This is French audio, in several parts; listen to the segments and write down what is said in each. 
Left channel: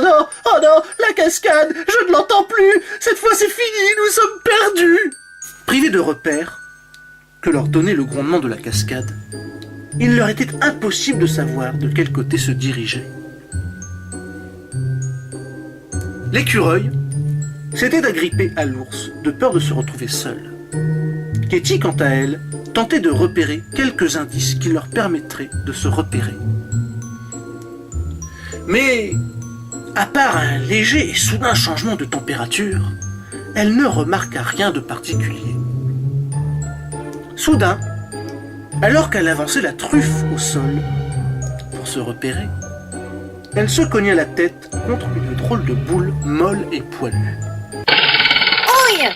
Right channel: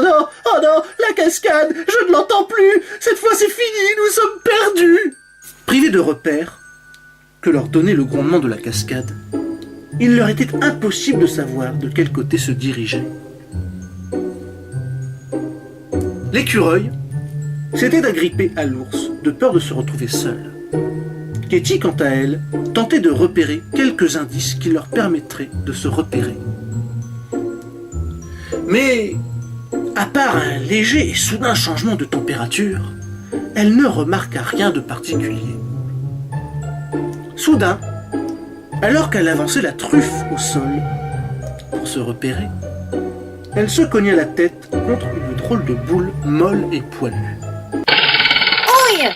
oh non, la cascade, je ne l'entends plus. Cette fois c'est fini, nous sommes perdus. Privés de repères que leur donnait le grondement de la cascade, il leur était impossible de savoir de quel côté se diriger. L'écureuil s'était agrippé à l'ours de peur de se retrouver seul. Katie, quant à elle, tentait de repérer quelques indices qui leur permettraient de se repérer. Mais, à part un léger et soudain changement de température, elle ne remarqua rien de particulier. Soudain, alors qu'elle avançait la truffe au sol pour se repérer, elle se cogna la tête contre une drôle de boule molle et poilue. Ouille!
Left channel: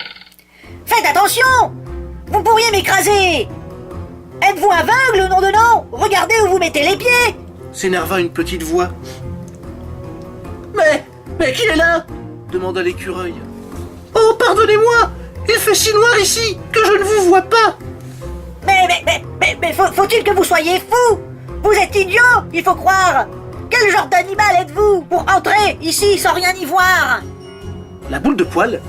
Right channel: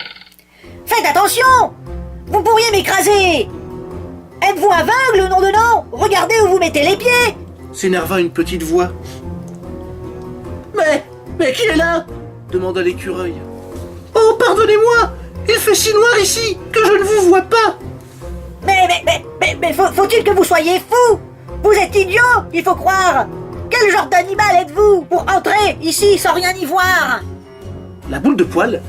Faites attention! Vous pourriez m'écraser! Êtes-vous aveugle, nom de nom? Regardez où vous mettez les pieds! S'énerva une petite voix. Mais qui est là? Demanda l'écureuil. Oh, pardonnez-moi! Il fait si noir ici que je ne vous vois pas! Mais faut-il que vous soyez fou? Vous êtes idiot, il faut croire! Quel genre d'animal êtes-vous pour entrer ici sans rien y voir? La boule de poil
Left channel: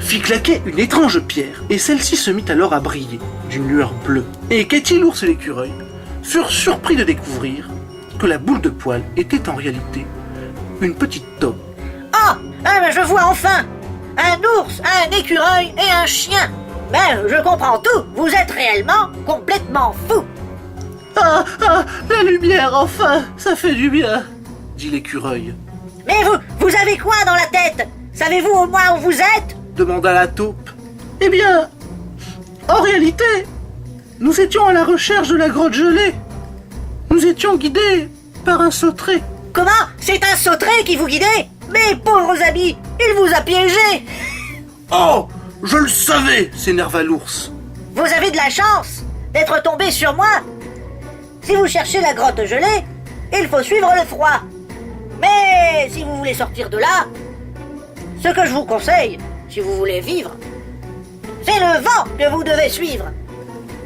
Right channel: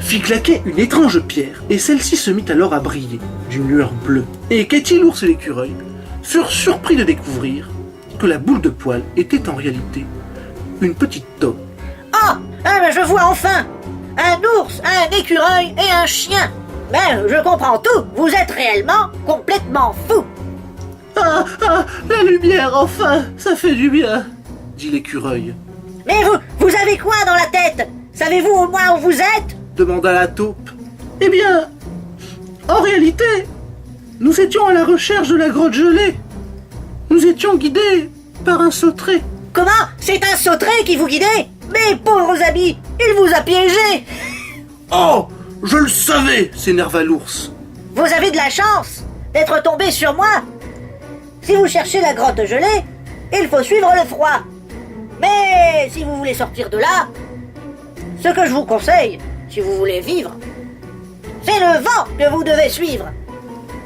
fit claquer une étrange pierre et celle-ci se mit alors à briller d'une lueur bleue. Et Katie, l'ours et l'écureuil furent surpris de découvrir que la boule de poil était en réalité une petite taupe. Ah, je vois enfin! Un ours, un écureuil et un chien! Ben, je comprends tout, vous êtes réellement complètement fou! Ah, la lumière, enfin, ça fait du bien, dit l'écureuil. Mais vous avez quoi dans la tête? Savez-vous au moins où vous êtes? Demanda la taupe. Eh bien, en réalité, nous étions à la recherche de la grotte gelée. Nous étions guidés par un sauterelle. Comment? C'est un sauterelle qui vous guidait? Mes pauvres amis, il vous a piégé! Oh, je le savais, s'énerva l'ours. Vous avez de la chance d'être tombé sur moi. Si vous cherchez la grotte gelée, il faut suivre le froid. Mais si vous voulez sortir de là, ce que je vous conseille, si vous voulez vivre, c'est le vent que vous devez suivre.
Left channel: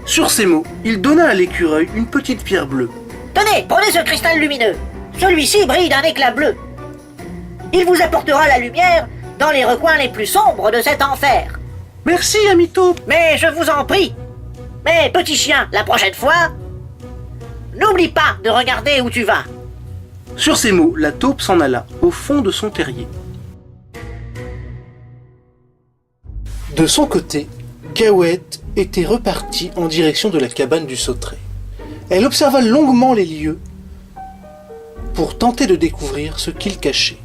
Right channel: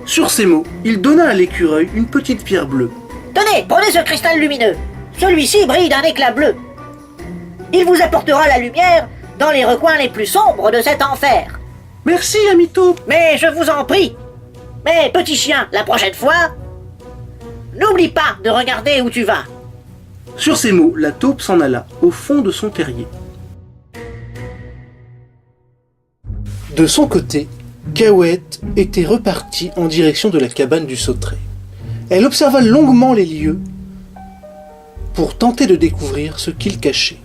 Sur ces mots, il donna à l'écureuil une petite pierre bleue. Tenez, prenez ce cristal lumineux. Celui-ci brille d'un éclat bleu. Il vous apportera la lumière dans les recoins les plus sombres de cet enfer. Merci, ami taupe. Mais je vous en prie. Mais petit chien, la prochaine fois, n'oublie pas de regarder où tu vas. Sur ces mots, la taupe s'en alla au fond de son terrier. De son côté, Cahuète était repartie en direction de la cabane du sauterelle. Elle observa longuement les lieux pour tenter de découvrir ce qu'ils cachaient.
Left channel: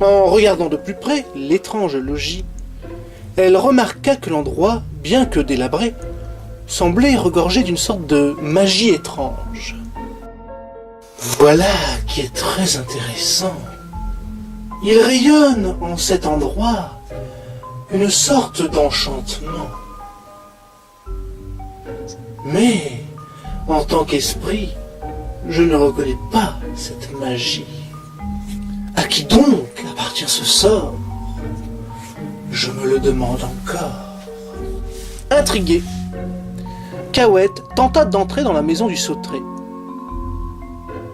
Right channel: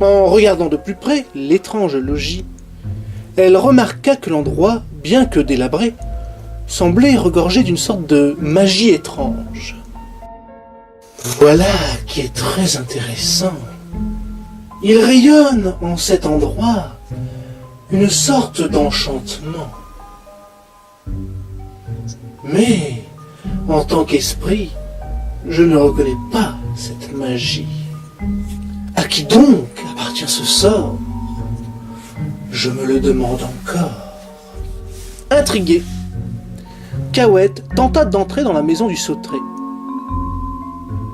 En regardant de plus près l'étrange logis, elle remarqua que l'endroit, bien que délabré, semblait regorger d'une sorte de magie étrange. Voilà qui est très intéressant. Il rayonne en cet endroit une sorte d'enchantement. Mais, en tant qu'esprit, je ne reconnais pas cette magie. À qui donc appartient ce sort? Je me le demande encore. Intrigué, Cahuète tenta d'entrer dans la maison du sauterelle.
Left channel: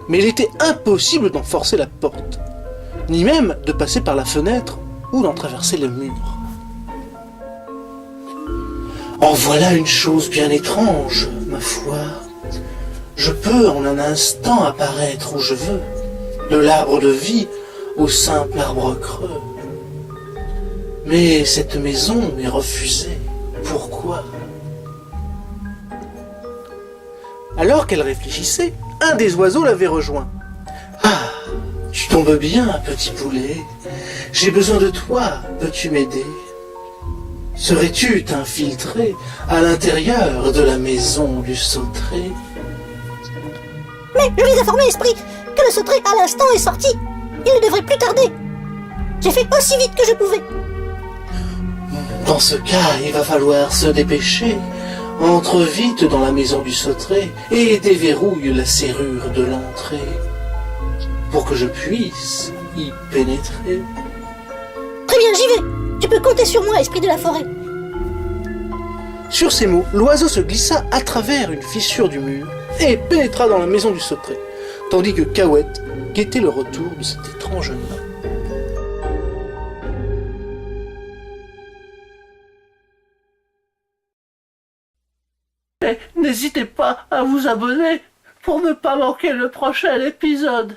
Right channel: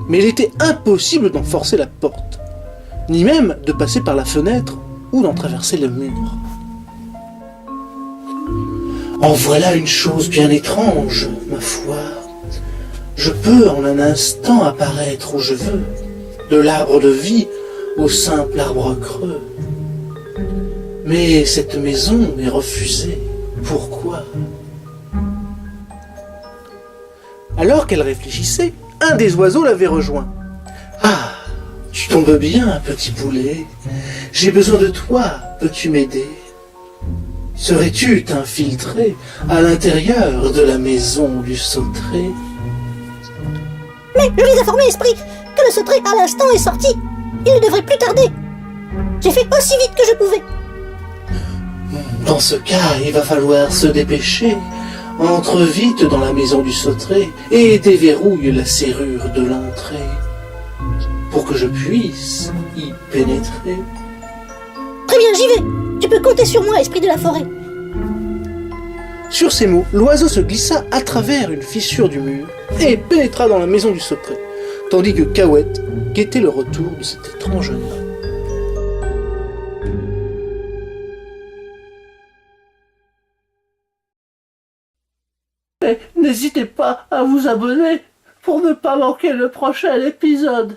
Mais il était impossible d'en forcer la porte, ni même de passer par la fenêtre ou d'en traverser le mur. En voilà une chose bien étrange, ma foi. Je peux en un instant apparaître où je veux, de l'arbre de vie au simple arbre creux. Mais cette maison m'est refusée. Pourquoi? Alors qu'elle réfléchissait, un des oiseaux l'avait rejoint. « Ah, tu tombes bien, petit poulet. J'ai besoin de toi. Peux-tu m'aider? Serais-tu t'infiltrer à l'intérieur de la maison du sauterelle? » Mais je les informer, esprit, que le sauterelle à l'instant est sorti. Il ne devrait plus tarder. J'ai fait aussi vite que je pouvais. Dans ce cas, il va falloir se dépêcher. Entre vite dans la maison du sauterelle et déverrouille la serrure de l'entrée pour que je puisse y pénétrer. Très bien, j'y vais. Tu peux compter sur moi, esprit de la forêt. Sur ces mots, l'oiseau se glissa à travers une fissure du mur et pénétra dans la maison du sauterelle. tandis que Cahuète guettait le retour de cet étrange nain. Et n'hésitez pas à vous abonner pour ne pas manquer le prochain épisode.